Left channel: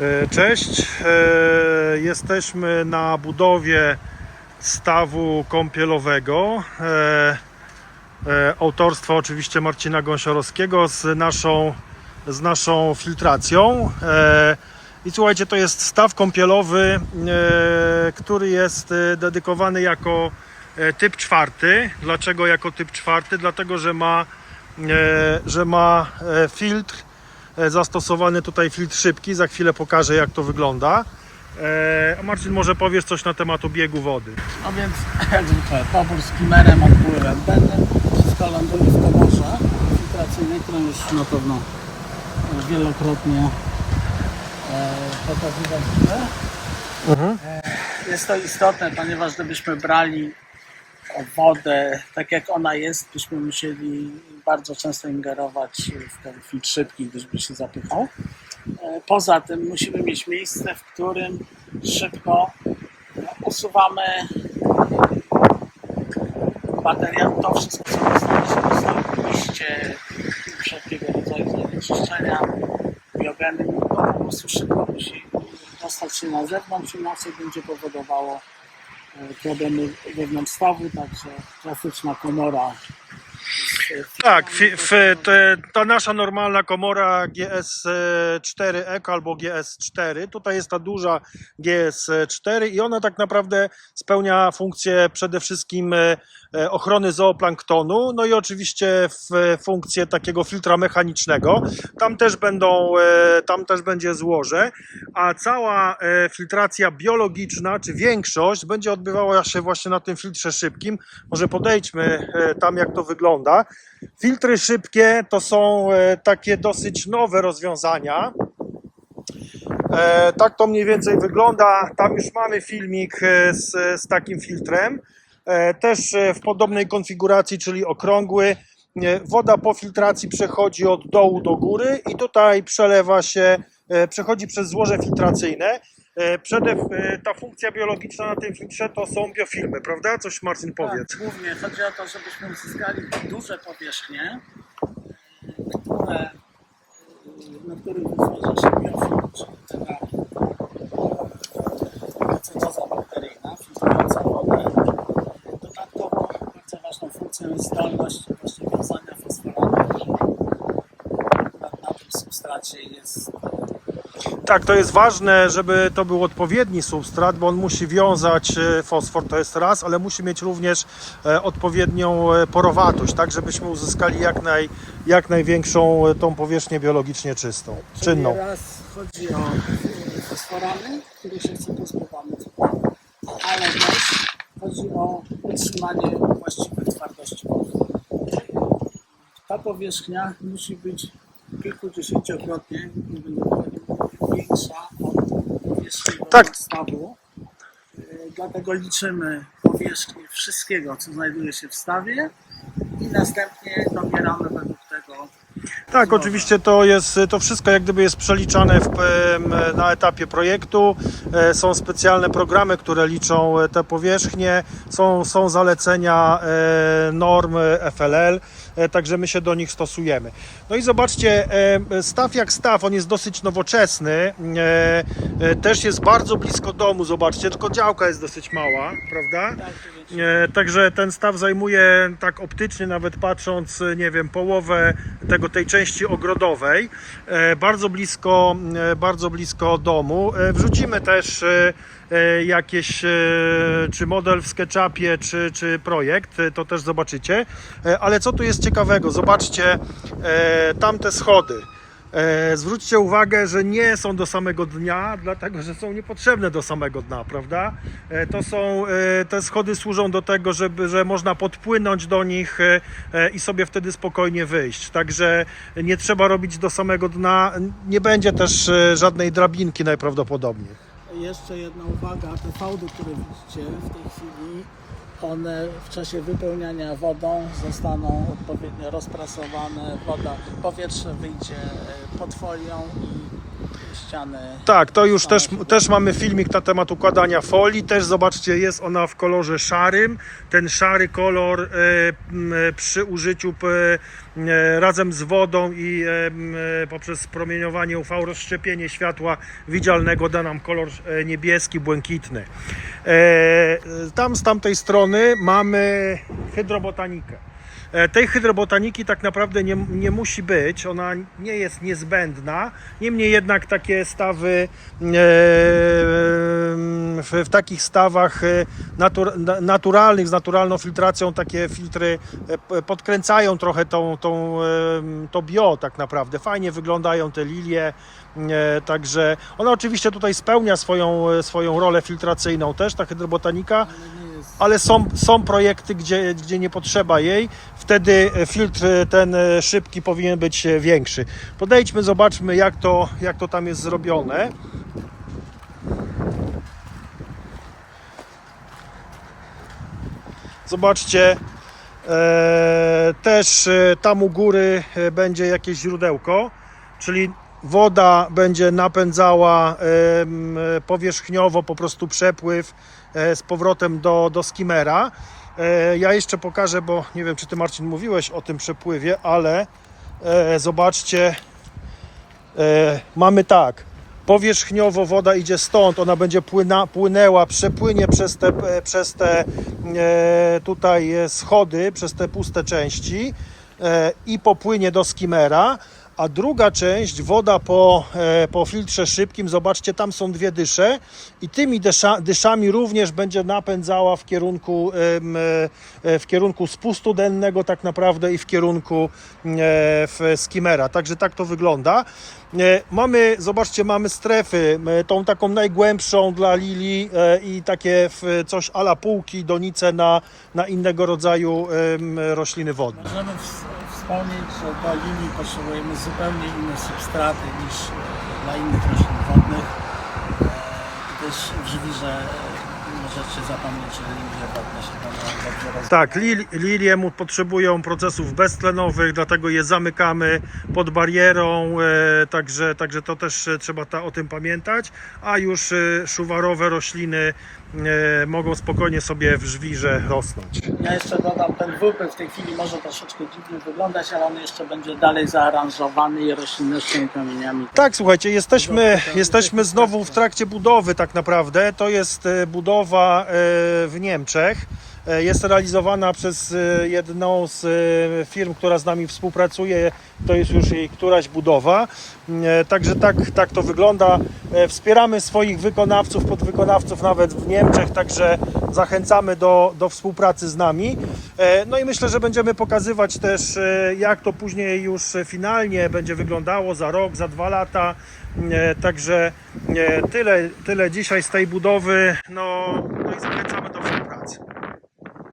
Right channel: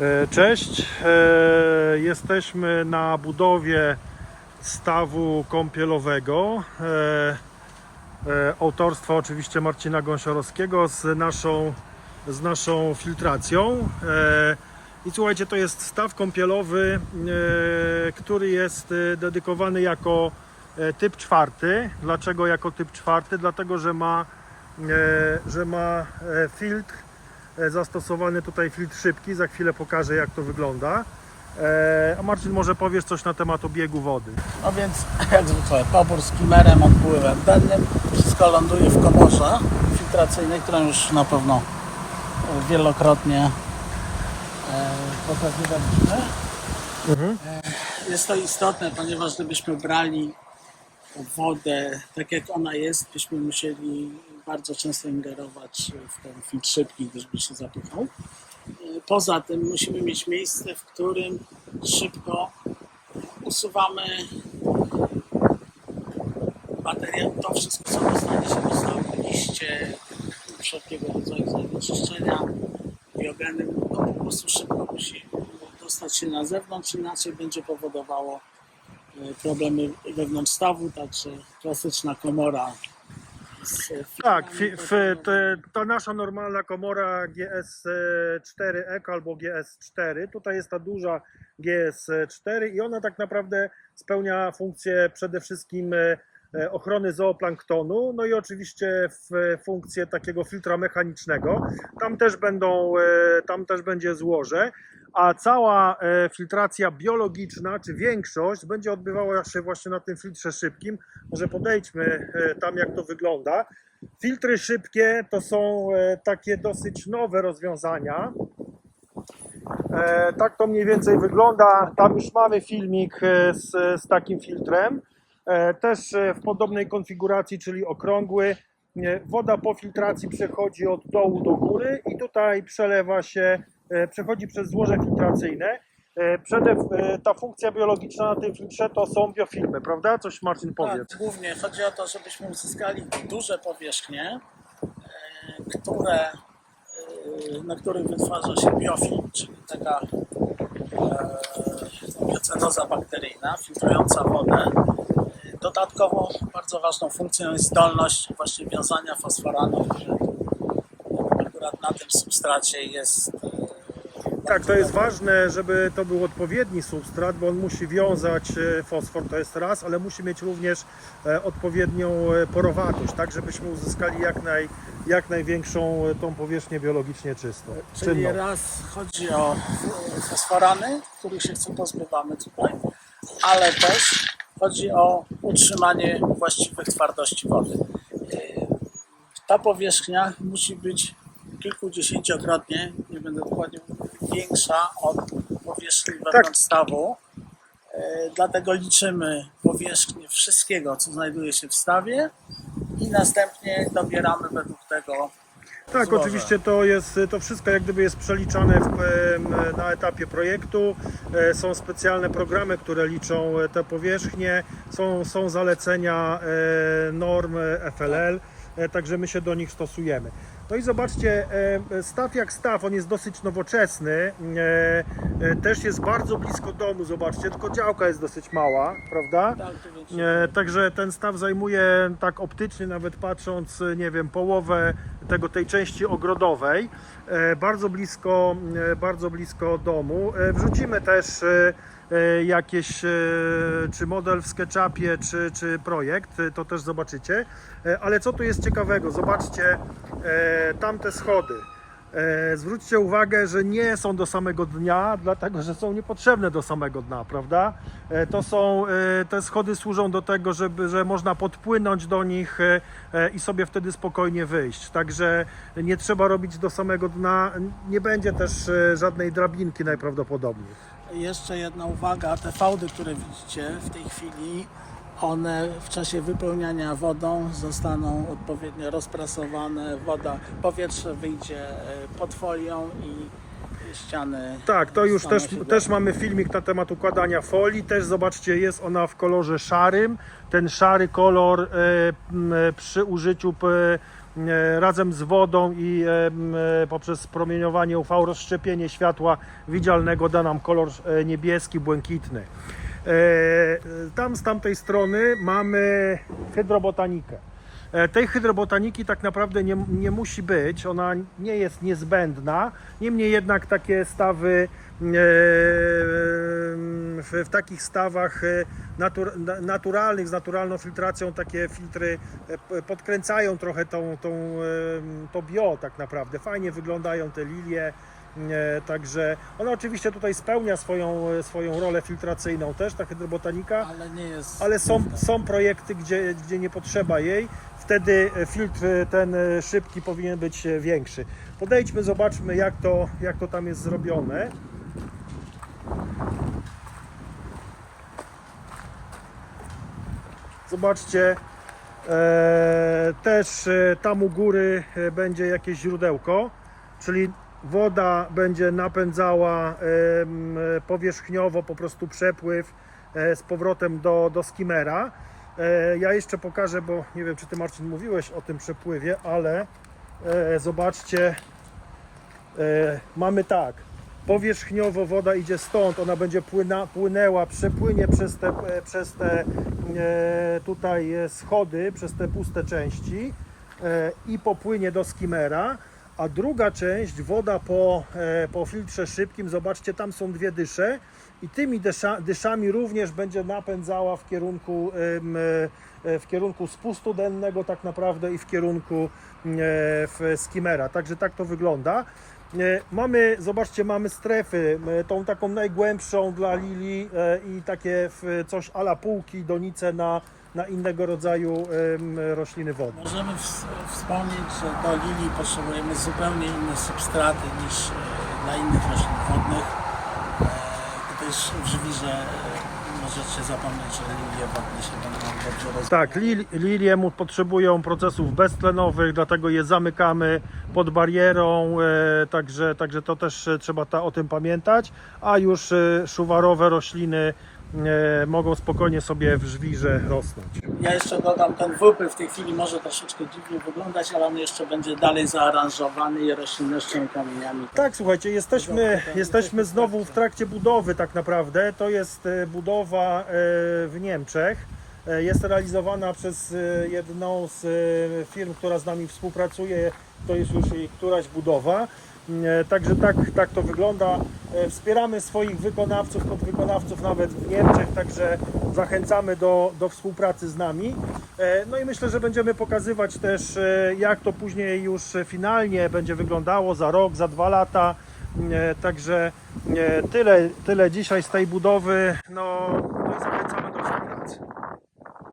E, Cześć, E, jesteśmy na budowie stawu kąpielowego. E, Autorstwa oczywiście Marcina Gąsiorowskiego z naszą, z naszą filtracją. I słuchajcie, to jest staw kąpielowy, który jest dedykowany jako typ czwarty. Dlaczego jako typ czwarty? Dlatego, że ma, że ma filtr zastosowany tutaj filtr szybki. Za chwilę pokażę jak to wygląda. E, A Marcin może powiesz coś na temat obiegu wody. No więc jak zwykle pobór z klimerem, odpływem dennym. Wszystko ląduje w komorze filtracyjnej, którą już na pewno e, wielokrotnie e, pokazywaliśmy. E, Jest to istotne, ponieważ gdybyśmy brali wodę tak jak ona jest, byśmy musieli bardzo często ingerować w ten filtr szybki, gdyż by się zapychał. E, Poza tym musimy mieć miejsce, w którym szybko usuwamy materiał, to wszystko co zostało liście, wszelkiego rodzaju zanieczyszczenia, biogeny, to po prostu szybko musi dostać się na zewnątrz, inaczej będzie powodowało problemy wewnątrz stawu, także klasyczna komora. Tak, fi, f, te, ta nasza normalna komora GS4 Eco albo GS4, tutaj jest ta duża GS4 i ona tak naprawdę spełnia funkcję przede wszystkim e, ochrony zooplanktonu, no i oczywiście w funkcję takiego filtra mechanicznego. Tam też będą, e, tam też będzie złoże, a cała e, filtracja biologiczna, czy większość będzie odbywała się właśnie na tym filtrze szybkim. Może podejdźmy e, tam jak to wygląda. Filtry szybkie to są e, takie dosyć nowe rozwiązania. E, Tak to mniej więcej wygląda. Tam już mamy filmik e, z, z takim filtrem. E, Też e, w podobnej konfiguracji, czyli okrągły. E, Woda po filtracji przechodzi od dołu do góry i tutaj przelewa się, przechodzi przez złoże filtracyjne. Przede, ta funkcja biologiczna na tym filtrze to są biofilmy, prawda? Coś Marcin powiedz. Tak, głównie chodzi o to, żebyśmy uzyskali duże powierzchnie, które, na których wytwarza się biofilm, czyli taka e, biocenoza bakteryjna, filtrująca wodę. Dodatkowo bardzo ważną funkcją jest zdolność właśnie wiązania fosforanu, który akurat na tym substracie jest e, Tak, to jest ważne, żeby to był odpowiedni substrat, bo on musi wiązać e, fosfor, to jest raz, ale musi mieć również e, odpowiednią porowatość, tak żebyśmy uzyskali jak, naj, jak największą tą powierzchnię biologicznie czystą, Czyli czynną. raz chodzi o fosforany, których się chce pozbywamy tutaj, ale też chodzi o utrzymanie właściwych twardości wody. Ta powierzchnia musi być kilkudziesięciokrotnie, nie będę dokładnie większa od powierzchni Tak. stawu. E, Dlatego liczymy powierzchnię wszystkiego, co znajduje się w stawie i następnie dobieramy według tego Tak, oczywiście to jest, to wszystko jak gdyby jest przeliczane w, na etapie projektu. E, Są specjalne programy, które liczą e, te powierzchnie, są, są zalecenia e, norm FLL, także my się do nich stosujemy. No i zobaczcie, e, staw jak staw, on jest dosyć nowoczesny, e, e, też jest bardzo blisko domu, zobaczcie, tylko działka jest dosyć mała, prawda? Tak. E, Także ten staw zajmuje tak optycznie, nawet patrząc, e, nie wiem, połowę tego, tej części ogrodowej, e, bardzo blisko, e, bardzo blisko domu. E, Wrzucimy też e, e, jakieś, e, czy model w SketchUpie, czy, czy projekt, e, to też zobaczycie. E, Ale co tu jest ciekawego? Zobaczcie e, tamte schody. E, Zwróćcie uwagę, że nie są do samego dnia, dlatego że są niepotrzebne do samego dna, prawda? E, To są, e, te schody służą do tego, żeby, że można podpłynąć do nich e, e, i sobie wtedy spokojnie wyjść. Także nie trzeba robić do samego dna. Nie będzie też e, żadnej drabinki najprawdopodobniej. Jeszcze jedna uwaga, te fałdy, które widzicie w tej chwili, one w czasie wypełniania wodą zostaną odpowiednio rozprasowane, woda, powietrze wyjdzie e, pod folią i ściany. Tak, to już też, też mamy filmik na temat układania folii. Też zobaczcie, jest ona w kolorze szarym. Ten szary kolor e, e, przy użyciu e, razem z wodą i e, e, poprzez promieniowanie UV, rozszczepienie światła widzialnego da nam kolor niebieski, błękitny. E, tam z tamtej strony mamy hydrobotanikę. E, Tej hydrobotaniki tak naprawdę nie, nie musi być, ona nie jest niezbędna. Niemniej jednak takie stawy, e, w, takich stawach e, natur, na- naturalnych, z naturalną filtracją, takie filtry podkręcają trochę tą, tą, to bio tak naprawdę. Fajnie wyglądają te lilie. E, Także ona oczywiście tutaj spełnia swoją, e, swoją rolę filtracyjną też, ta hydrobotanika Ale ale są, są projekty, gdzie, gdzie nie potrzeba jej. Wtedy e, filtr ten szybki powinien być większy. Podejdźmy, zobaczmy jak to, jak to tam jest zrobione. Zobaczcie, też tam u góry będzie jakieś źródełko, czyli woda będzie napędzała powierzchniowo po prostu przepływ e, z powrotem do, do skimera. E, Ja jeszcze pokażę, bo nie wiem czy ty Marcin mówiłeś o tym przepływie, ale e, zobaczcie, mamy tak. Powierzchniowo woda idzie stąd, ona będzie płyna, płynęła, przepłynie przez te, przez te tutaj schody, przez te puste części i popłynie do skimera. A druga część, woda po, e, po filtrze szybkim, zobaczcie, tam są dwie dysze i tymi dysza, dyszami również będzie napędzała w kierunku, em, e, w kierunku spustu dennego tak naprawdę i w kierunku e, w skimera. Także tak to wygląda. E, Mamy, zobaczcie, mamy strefy, e, tą taką najgłębszą dla lili e, i takie coś ala półki, donice na, na innego rodzaju rośliny wodne. Możemy ws- wspomnieć, że do lilii potrzebujemy zupełnie inne substraty niż dla innych roślin wodnych. Gdyż w żwirze zapomnieć, że lilie się będą. Tak, lil, lilie mu potrzebują procesów beztlenowych, dlatego je zamykamy pod barierą, e, także, także to też e, trzeba ta, o tym pamiętać, a już e, szuwarowe rośliny mogą spokojnie sobie w żwirze rosnąć. Ja jeszcze dodam, ten wypyl w tej chwili może troszeczkę dziwnie wyglądać, ale on jeszcze będzie dalej zaaranżowany i roślinnością kamieniami. Tak, słuchajcie, jesteśmy, jesteśmy znowu w trakcie budowy tak naprawdę. To jest e, budowa e, w Niemczech. E, Jest realizowana przez e, jedną z e, firm, która z nami współpracuje. To jest już jej któraś budowa. Także tak, tak to wygląda. Wspieramy swoich wykonawców, podwykonawców nawet w Niemczech, także zachęcamy do, do współpracy z nami. No i myślę, że będziemy pokazywać też, jak to później już finalnie będzie wyglądało za rok, za dwa lata. Także tyle, tyle dzisiaj z tej budowy. No, no i zachęcamy do.